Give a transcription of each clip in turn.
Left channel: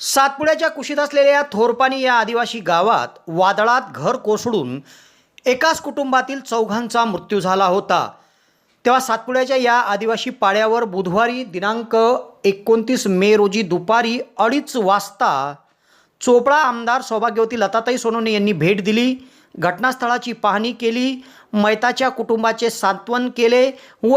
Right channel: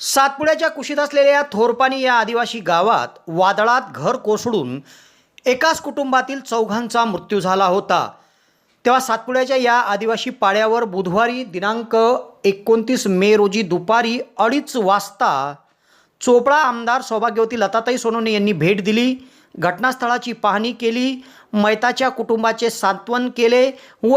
सातपुड्याच्या कुशीत असलेल्या थोरपानी या आदिवासी गावात वादळात घर कोसळून एकाच कुटुंबातील चौघांचा मृत्यू झाला होता. तेव्हा सातपुड्याच्या या आदिवासी पाड्यावर बुधवारी दिनांक एकोणतीस मे रोजी दुपारी अडीच वाजता चोपडा आमदार सौभाग्यवती लताताई सोनवणे यांनी भेट दिली. घटनास्थळाची पाहणी केली. मैताच्या कुटुंबाचे सांत्वन केले व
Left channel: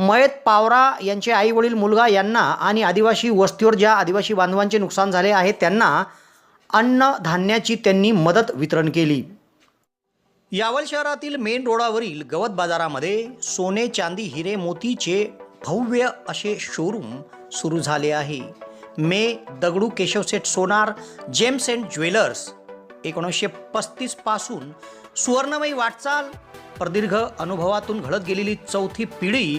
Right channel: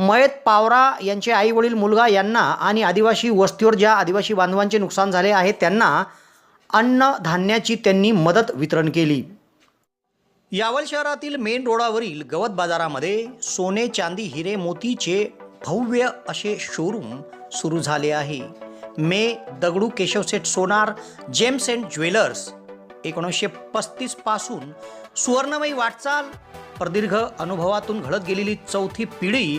मयत पावरा यांचे आई वडील मुलगा यांना आणि आदिवासी वस्तीवर ज्या आदिवासी बांधवांचे नुकसान झाले आहे त्यांना अन्न धान्याची त्यांनी मदत वितरण केली. यावल शहरातील मेन रोडावरील गवत बाजारामध्ये सोने चांदी हिरे मोतीचे भव्य असे शोरूम सुरू झाले आहे. मे Dagdu Keshavseth Sonar gems and jewellers एकोणीसशे पस्तीसपासून सुवर्णमयी वाटचाल प्रदीर्घ अनुभवातून घडत गेलेली चौथी पिढी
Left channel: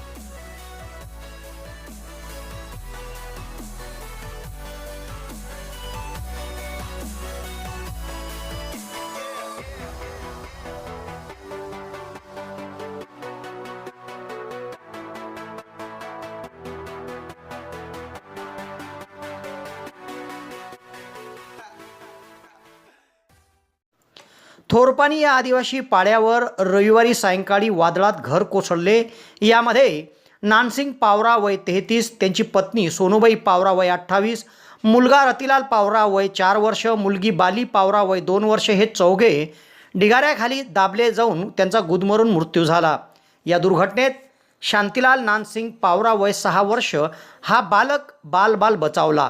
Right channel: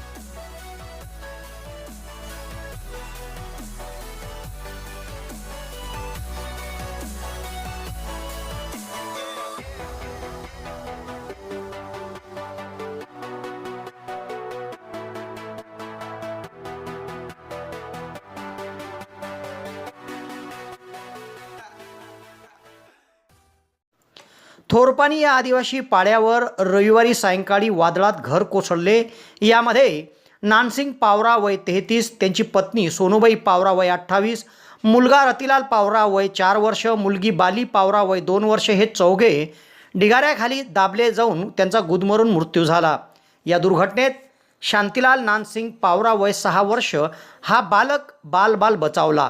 थोरपानी या आदिवासी पाड्यावर रविवारी सायंकाळी वादळात घर कोसळले. यामध्ये नानसिंग पावरा वय तेहतीस त्यांची पत्नी सोनूबाई पावरा वय अठ्ठावीस मुलगा रतिलाल पावरा वय चार वर्ष मुलगी बाली पावरा वय दोन वर्ष हे चौघे ढिगाऱ्याखाली दाबले जाऊन त्यांचा गुदमरून मृत्यू झाला. या दुर्घटनेत शांतीलाल नानसिंग पावरा वय सहा वर्ष हा बालक बालबाल बाल बचावला.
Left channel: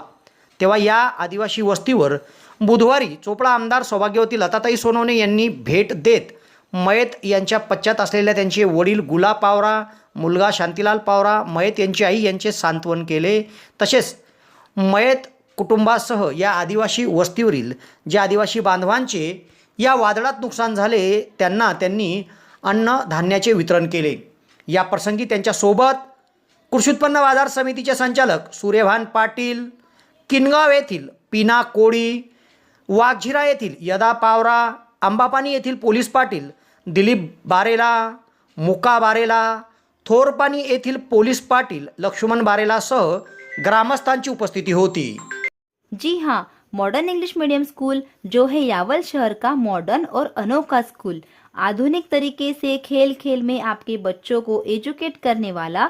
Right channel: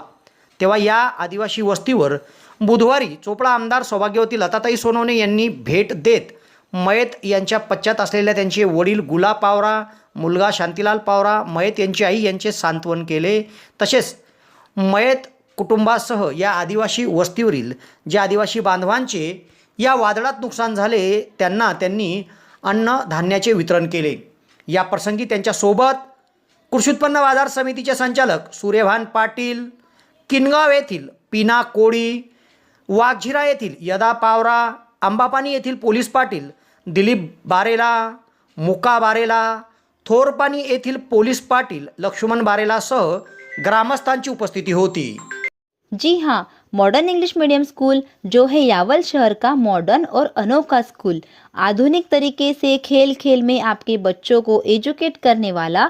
तेव्हा या आदिवासी वस्तीवर बुधवारी चोपडा आमदार सौभाग्यवती लताताई सोनवणे यांनी भेट देत मयत यांच्या पश्चात असलेल्या त्यांचे वडील गुला पावरा मुलगा शांतीलाल पावरा मयत यांची आई यांचे सांत्वन केले. तसेच मयत कुटुंबासह या आदिवासी वस्तीवरील ज्या आदिवासी बांधवांचे या वादळात नुकसान झाले त्यांना त्यांनी अन्न धान्याचे वितरण केले. या प्रसंगी त्यांच्यासोबत कृषी उत्पन्न बाजार समितीचे संचालक सूर्यभान पाटील किनगाव येथील पिना कोळी वाघझिरा येथील यदा पावरा आंबापानी येथील पोलीस पाटील दिलीप बारेला मुका बारेला थोरपानी येथील पोलीस पाटील लक्ष्मण बारेलासह ग्रामस्थांची उपस्थिती होती. जी हाँ मॉडर्न इंग्लिश मीडियम स्कूल जो है यावल शहर का मॉडर्न और अनोखा स्कूल आधुनिक तरीके से खेल खेल में आपके बच्चों को एजुकेट करने वाला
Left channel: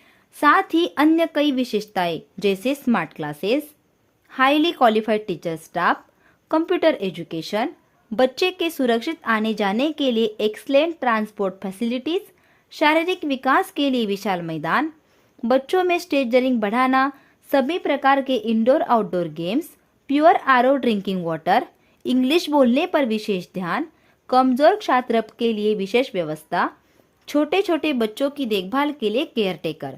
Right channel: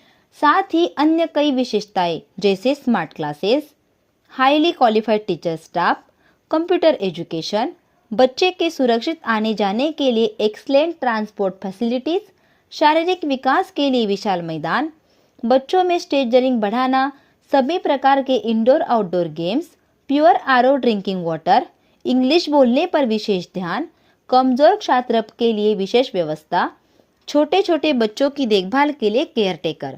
साथ ही अन्य कई विशेषताएँ, जैसे smart classes highly qualified teacher staff computer education बच्चे के सुरक्षित आने जाने के लिए एक्सलेंट ट्रांसपोर्ट फैसिलिटीज़ शारीरिक विकास के लिए विशाल मैदान, बच्चों में स्टेज स्टेजरिंग बढ़ाना, सभी प्रकार के indoor outdoor games pure R drinking water English बोलने पर विशेष ध्यान, कमज़ोर छात्र के लिए विशेष व्यवस्था छोटे छोटे बच्चों की देखभाल के लिए केयर टेकर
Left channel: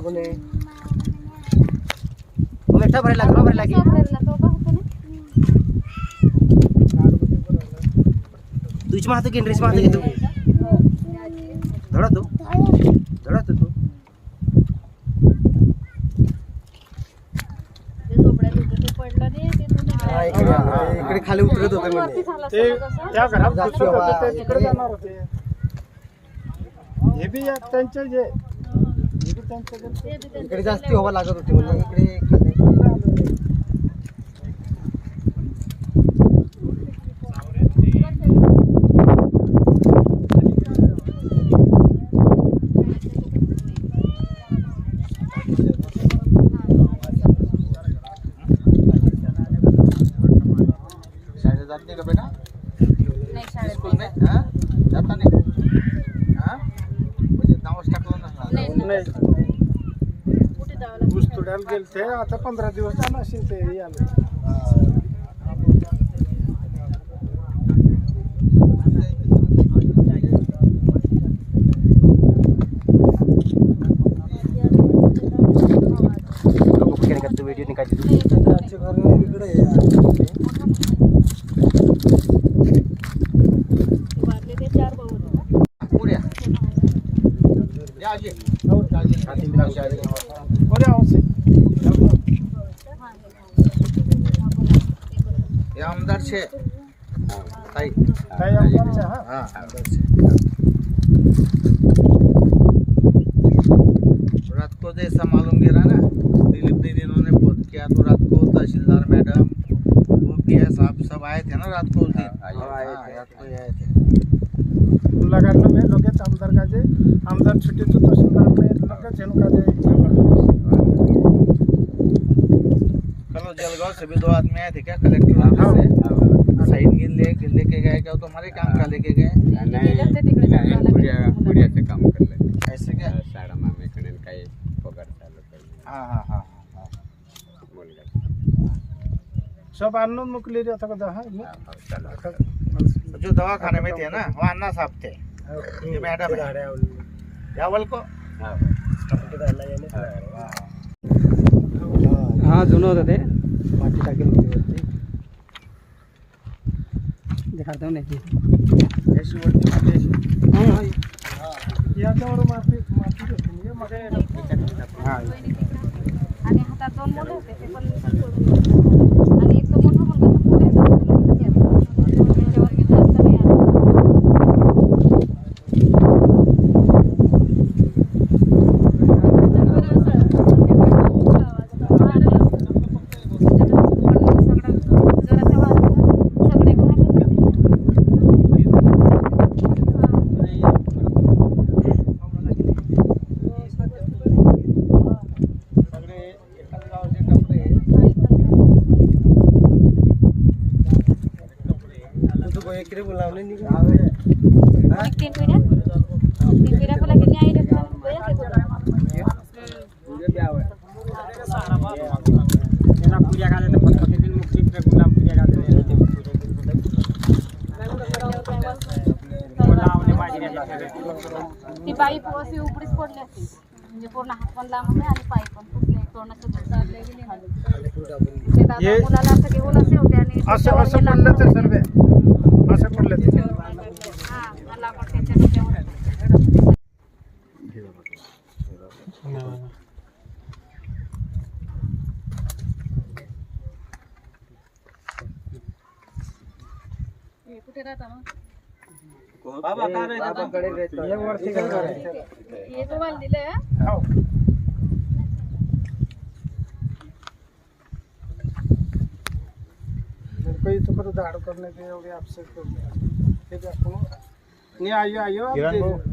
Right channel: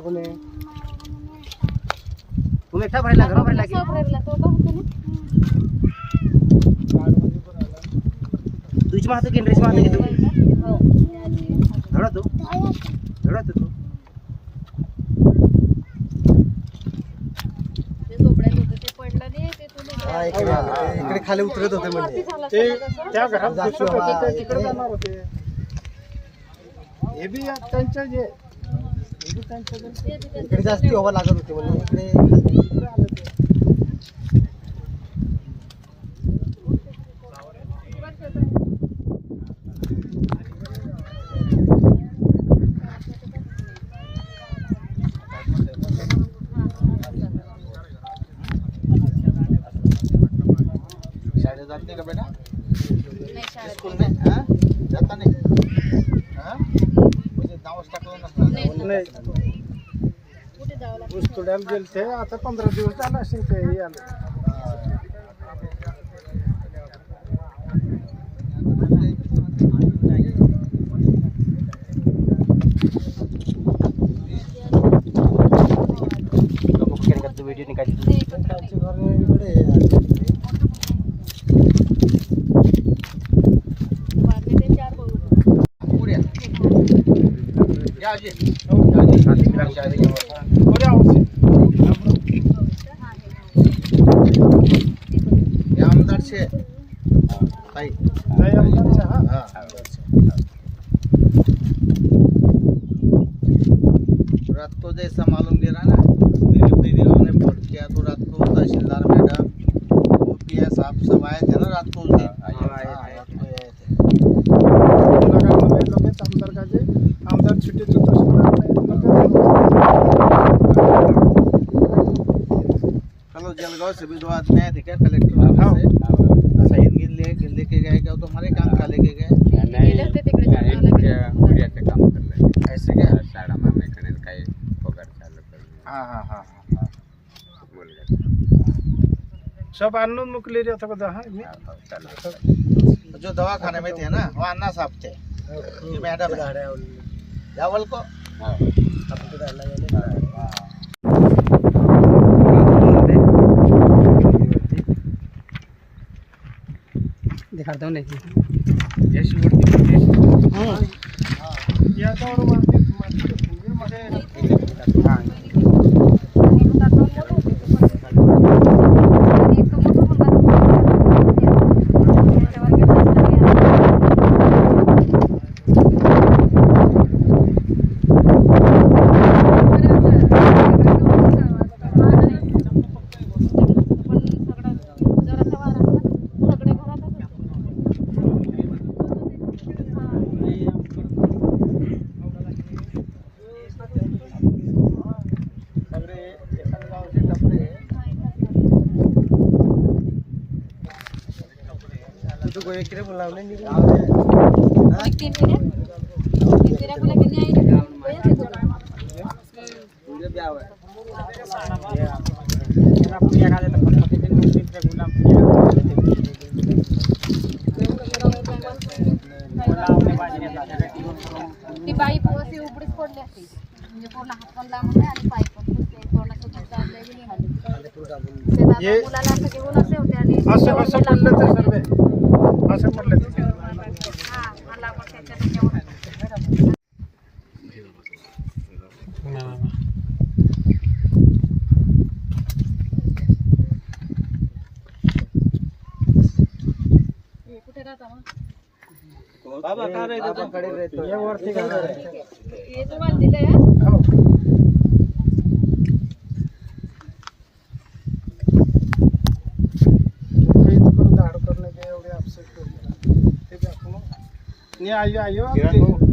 कारवाबने मिठा भरेला का भरेला की तुझी माहतो की ड्रेस माहतो की तू? धडा तू। धडा तू तू। इकडे इकडे खाली उतरत होते म्हणजे त्या घरात होते, ते तिकडे जाणार होते. हे बी या- त्यांचे जे हे बी त्यांचे जे- इकडे जास्ती हवा लागत होती म्हणून इकडे नाही ऊस तोडायला गेलते आता पंधरा दिवस झाला असेल ते याला त्याचे घर इकडे पुढे छे रात को जैसा मालूम गिरा ना दिलीप दीदी ने फ़ोन किया तो रात को तहसीलदार मैडम वो किया साहब सब आए थे ना रात को उस दिन आमदार का जे कल जलगांव से भी दो आदमी आए थे क्या कलेक्टर ऑफ़िस से? गिन ले गिन लेके गए क्या? वो तुम्हारे काम का लेके गए। नाही काम करलं ऐसे क्या? शाळा मामेकडे काही पगार चालू करून हाँ हाँ हाँ हाँ मुलगा सब आणून मुकलेली आता बघा हा तो जो दवा खाने में थे ना वो अन्ना साहब थे। ये मैडम है। यावल को। ऐसी वरती होती. तुझं गोळ्या इकडे बोलावले निघून ती बाई अशी उघडीच पडली असती म्हणजे पूर्ण हात पण लांब आहे आणि पाय पण फुटले तोंडाचं दूध जातलंय बी निघालं. ते दादा ये- मुलाला असं घेऊन असे होते आणि असं असं पडलं तर सर्व कसं पडलं कुठे राहता बाबा काय रे बाबा? कडे रे एक वर्ष काय करायचं? हे तुम्हाला ને આવ્યો આવ્યો